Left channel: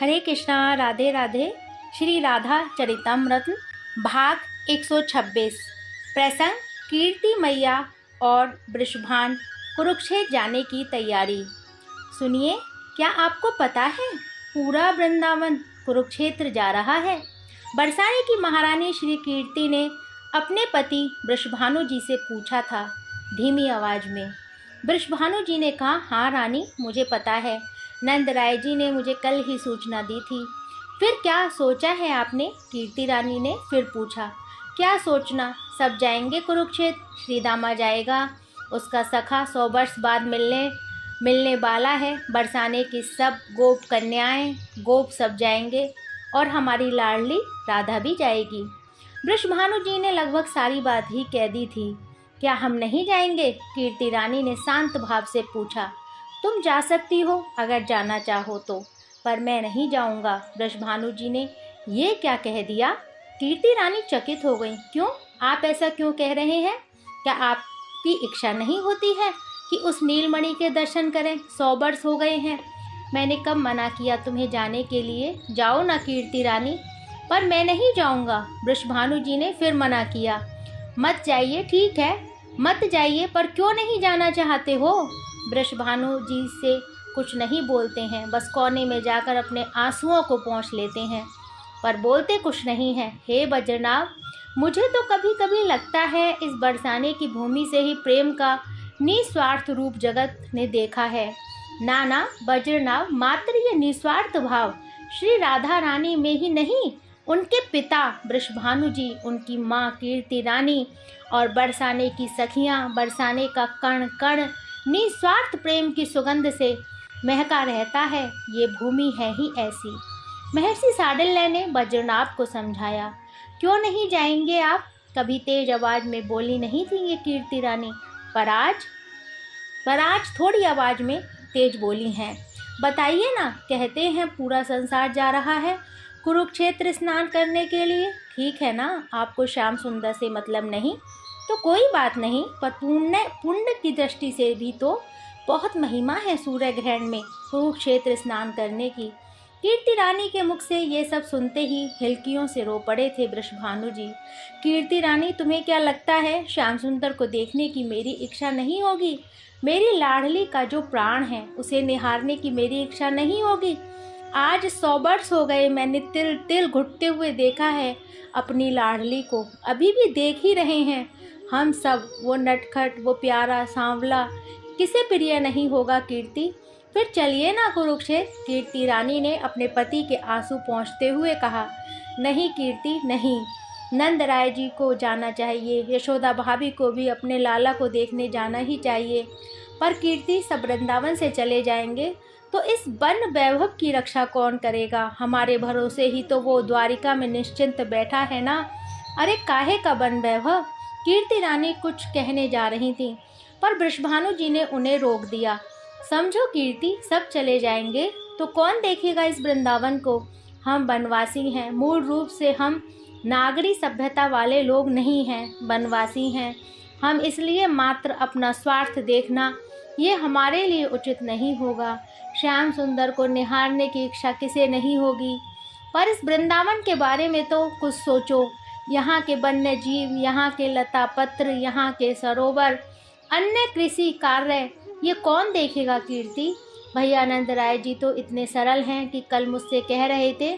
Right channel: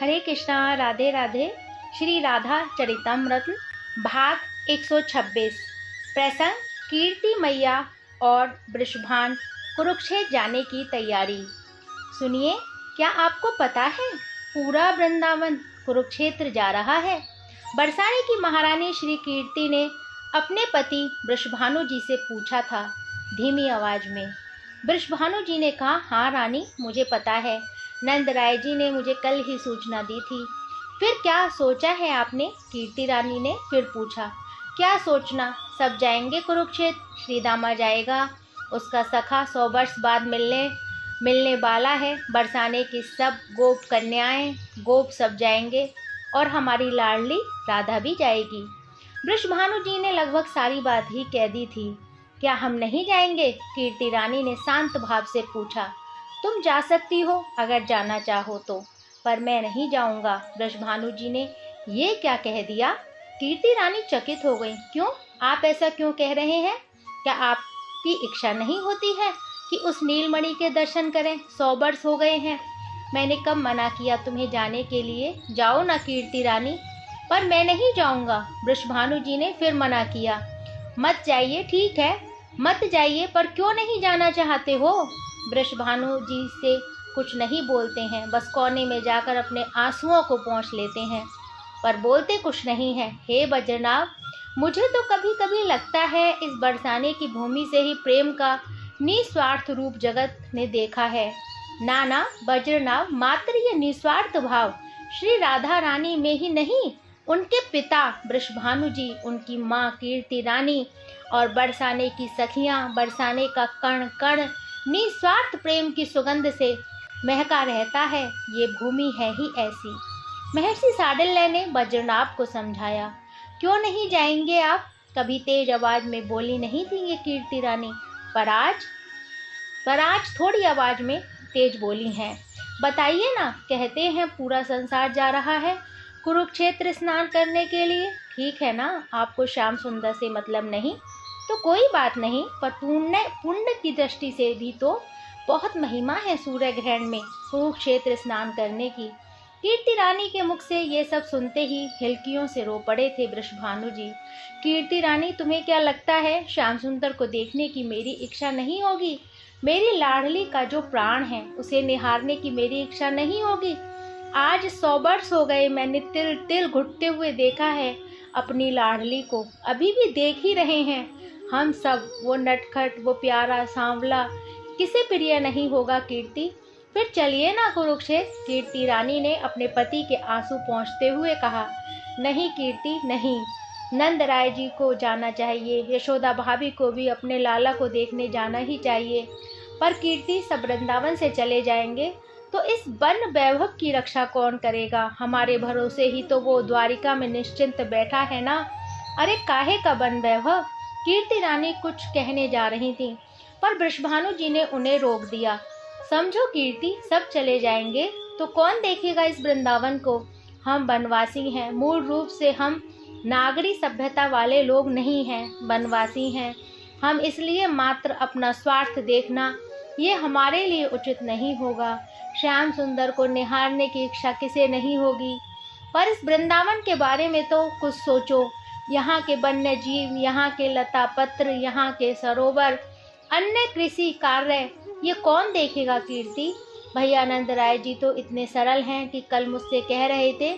हरे कृष्णा, राधे राधे। श्री राधा चरितमृत भाग 126। प्रसंग कीर्ति मैया और वृषभान कुरुक्षेत्र जाने की तैयारी। सुनिए, क्या आपको पता है पूरा वृंदावन कुरुक्षेत्र जा रहा है। बरसाने की महारानी श्री कीर्ति ने अपने पति वृषभानु जी से पूछा था धीमी आवाज में। वृषभानु जी ने कहा, हाँ रानी, मुझे पता है, नंद राय जी ने मुझे कल ही सूचना दी थी। फिर क्या सोचा है आपने? कीर्ति रानी ने फिर पूछा। क्या सोचना, सब जाएंगे कुरुक्षेत्र। श्री दामा जाएगा, उसका सखा 100 वर्ष बाद मिलने वाला है। बरसाने की सब गोप कन्याएं, गोप सब जाएंगे और हमारी लाडली राधा भी जाएगी। वृषभानु जी ने लगभग सारी बात ही कह दी थी। क्या हम नहीं जाएंगे? कीर्ति रानी ने शांत भाव से पूछा। तुम जा सकती हो अगर जाना चाहो तो, पर मैं नहीं जाऊंगा। वृषभानु जी ने ये क्या कह दिया? कीर्ति रानी चकित हो गई। क्यों? आप ऐसा क्यों कह रहे हैं? क्या आपकी इच्छा नहीं होती है कि उस नीलमणि के दर्शन करें? 100 वर्ष हो गए हैं। मैंने कब मना किया तुम्हें जाने के लिए? जाओ ना कीर्ति रानी। पर मैं नहीं जाऊंगा। वृषभानु जी ने फिर मना किया। मत जाइए, ठीक है, मत जाइए, पर क्यों नहीं जाना चाहते हो? वृषभानु जी से कुछ नहीं बोलते हैं, बस कोने में जाकर अपने आंसुओं को पोंछ लेते हैं, पर बोलते कुछ नहीं हैं। हे बज्रनाभ, मुझे तो कभी कभी लगता है इस बरसाने की भूमि से ही प्रेम का निस्वार्थ रूप जगत ने देखा है। नाना बज्रनाभ, मात्र ये निस्वार्थ भाव श्री राधा रानी में ही नहीं, उनके पिता वृषभानु जी, उनकी माँ कीर्ति रानी और बरसाने की सखियाँ, बरसाने का कण कण निस्वार्थ प्रेम की सुगंध से महका रहता है। ये भूमि है ही ऐसी। महर्षि साडिल्य ने बज्रनाभ को समझाया। क्यों नहीं जाएंगे आप? कभी तेज आवाज में बोली नहीं थी ये कीर्ति रानी, पर आज थोड़ी आवाज में तेज बोली हैं। बताइए ना, कहते हैं पूरा संसार जा रहा है कुरुक्षेत्र स्नान करने के लिए। ठीक है ना, आपको श्याम सुंदर से मतलब नहीं तो कोई बात नहीं, पर पुण्य की दृष्टि से भी तो बहुत महिमा है सूर्य ग्रहण में कुरुक्षेत्र स्नान करने की। कीर्ति रानी के मुख से ये सब सुनते ही हिलकियों से रो पड़े थे वृषभानु जी। कीर्ति रानी, तुम्हें क्या लगता है श्याम सुंदर को देखने की मेरी इच्छा नहीं होगी? मेरी लाडली का जो प्राण है उसे निहारने की मेरी इच्छा नहीं होगी? आज 100 वर्ष हो गए, मैंने तिल तिल घुटते हुए देखा है अपनी लाडली को, अभी भी देख ही रहे हैं हम सब। वो नटखट, वो प्यारा सांवला किसे प्रिय नहीं होगा कीर्ति? फिर चलिए ना कुरुक्षेत्र। कीर्ति रानी ने अपने पति के आंसू पोंछते हुए कहा। नहीं कीर्ति, नहीं, नंद राय जी को जाना चाहिए, यशोदा भाभी को भी अपने लाला को देखने जाना ही चाहिए। पर कीर्ति, सब वृंदावन से चले जाएंगे तो इस वन वैभव की रक्षा कौन करेगा? हमारे भरोसे ही तो वो द्वारिका में निश्चिंत बैठा है ना। अरे काहे का वन वैभव? कीर्ति रानी कुछ कहने जा रही थी, पर वृषभानु जी ने उन्हें रोक दिया। समझो कीर्ति, सब चले जाएंगे तो कौन देखेगा इस वृंदावन को? हम वनवासी हैं, मूल रूप से हम नागरी सभ्यता वाले लोग नहीं हैं, वनवासी हैं हम, इसलिए मात्र अपना स्वार्थ देखना ये हमारे लिए उचित नहीं होगा। श्याम सुंदर को निहारने की इच्छा किसे नहीं होगी? पर इस वृंदावन के बारे में तो कुछ सोचो। यहाँ के वन्य जीव, यहाँ के लता पत्र, यहाँ के सरोवर, अन्य कृषि कार्य, ये कौन देखेगा कीर्ति? भैया नंद राय जी तो इतने सरल हैं कि कल मुझसे कह रहे थे,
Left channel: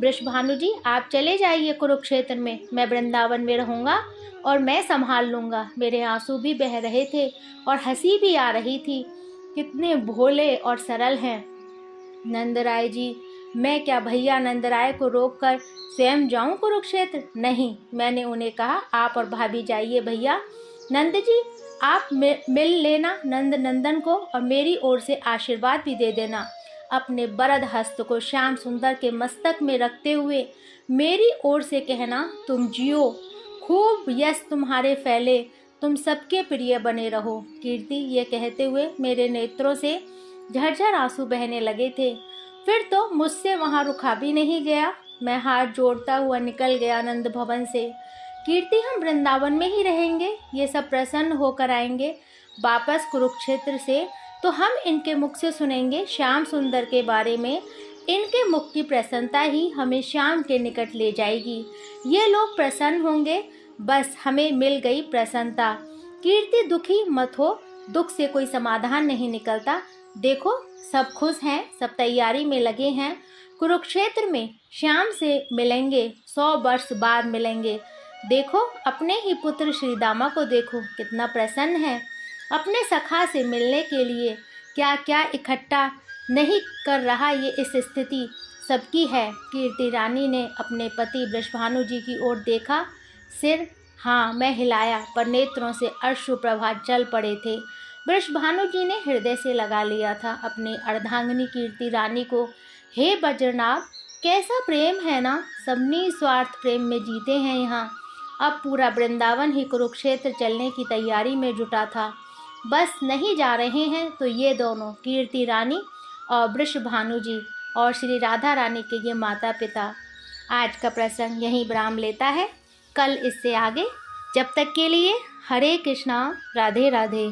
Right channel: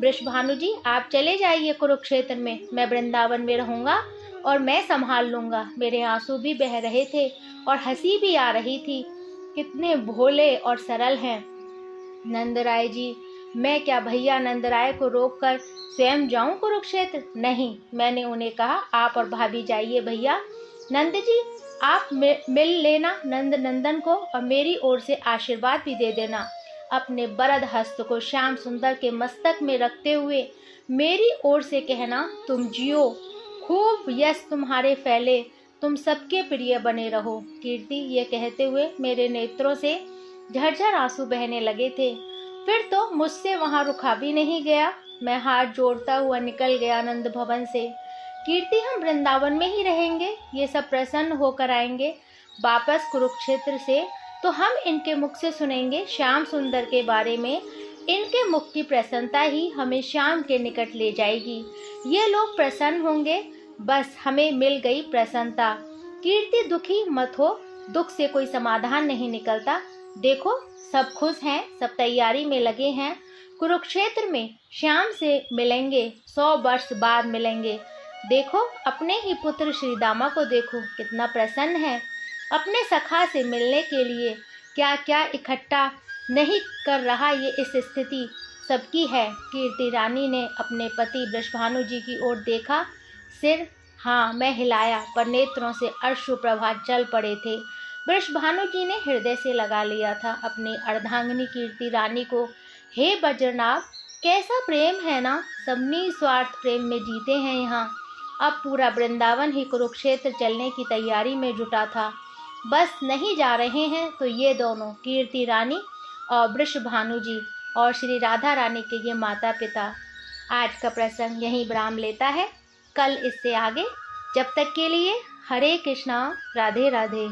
वृषभानु जी आप चले जाइए कुरुक्षेत्र में, मैं वृंदावन में रहूँगा और मैं संभाल लूँगा। मेरे आंसू भी बह रहे थे और हंसी भी आ रही थी। कितने भोले और सरल हैं नंद राय जी। मैं क्या भैया नंद राय को रोककर स्वयं जाऊं कुरुक्षेत्र? नहीं, मैंने उन्हें कहा आप और भाभी जाइए। भैया नंद जी, आप मिल लेना नंद नंदन को और मेरी ओर से आशीर्वाद भी दे देना। अपने बरद हस्त को श्याम सुंदर के मस्तक में रखते हुए मेरी ओर से कहना, तुम जियो, खूब यश तुम्हारे फैले, तुम सबके प्रिय बने रहो। कीर्ति, ये कहते हुए मेरे नेत्रों से झरझर आंसू बहने लगे थे। फिर तो मुझसे वहाँ रुका भी नहीं गया। मैं हाथ जोड़ता हुआ निकल गया नंद भवन से। कीर्ति, हम वृंदावन में ही रहेंगे, ये सब प्रसन्न होकर आएंगे वापस कुरुक्षेत्र से, तो हम इनके मुख से सुनेंगे श्याम सुंदर के बारे में इनके मुख की प्रसन्नता ही हमें श्याम के निकट ले जाएगी। ये लोग प्रसन्न होंगे, बस हमें मिल गई प्रसन्नता। कीर्ति दुखी मत हो, दुख से कोई समाधान नहीं निकलता। देखो सब खुश हैं, सब तैयारी में लगे हैं। कुरुक्षेत्र में श्याम से मिलेंगे, 100 वर्ष बाद मिलेंगे। देखो अपने ही पुत्र श्री दामा को देखो कितना प्रसन्न है। अपने सखा से मिलने के लिए क्या क्या इकट्ठा नहीं कर रहा, ये इस स्थिति सबकी है। कीर्ति रानी ने अपने पति वृषभानु जी की ओर देखा, सिर हाँ मैं हिलाया, पर नेत्रों से अश्रु प्रवाह चल पड़े थे। वृषभानु जी ने हृदय से लगा लिया था अपनी अर्धांगिनी कीर्ति रानी को। हे वज्रनाभ, कैसा प्रेम है ना, सब निस्वार्थ प्रेम में जीते हैं यहाँ। अब पूरा वृंदावन ही कुरुक्षेत्र चलने की तैयारी में जुटा था। बस नहीं जा रहे हैं तो ये दोनों कीर्ति रानी और वृषभानु जी और श्री राधा रानी के ये माता पिता। आज का प्रसंग यहीं विराम लेता है, कल इससे आगे। जब तक के लिए हरे कृष्णा, राधे राधे।